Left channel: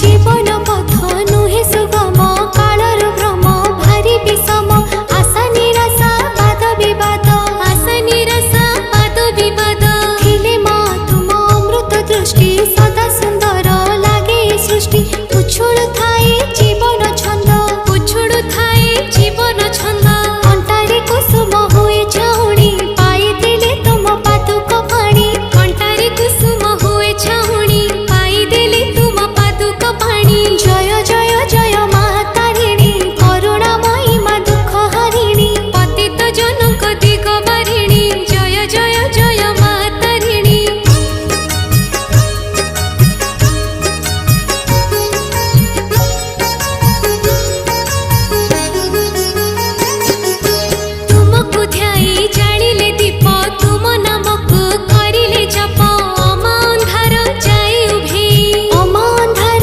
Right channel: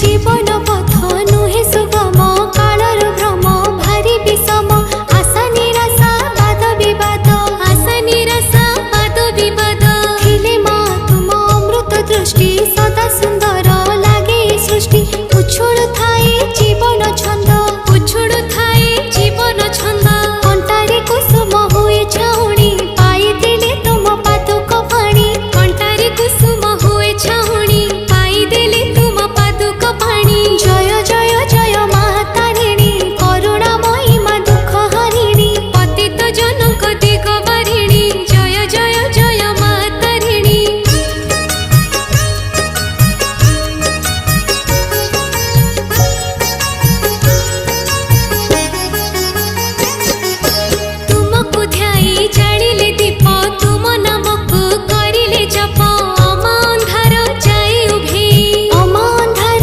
जीवन पथ नुहे सुगम कालर भ्रम भारी विषम आशा निराशा वाद विवाद आशा निराशा वाद विवाद थिले मा तुम अमृत दृष्टि सदा सुंदर लागे सृष्टि उछुलु थाए जीवन छंद उछुलु थाए जीवन छंद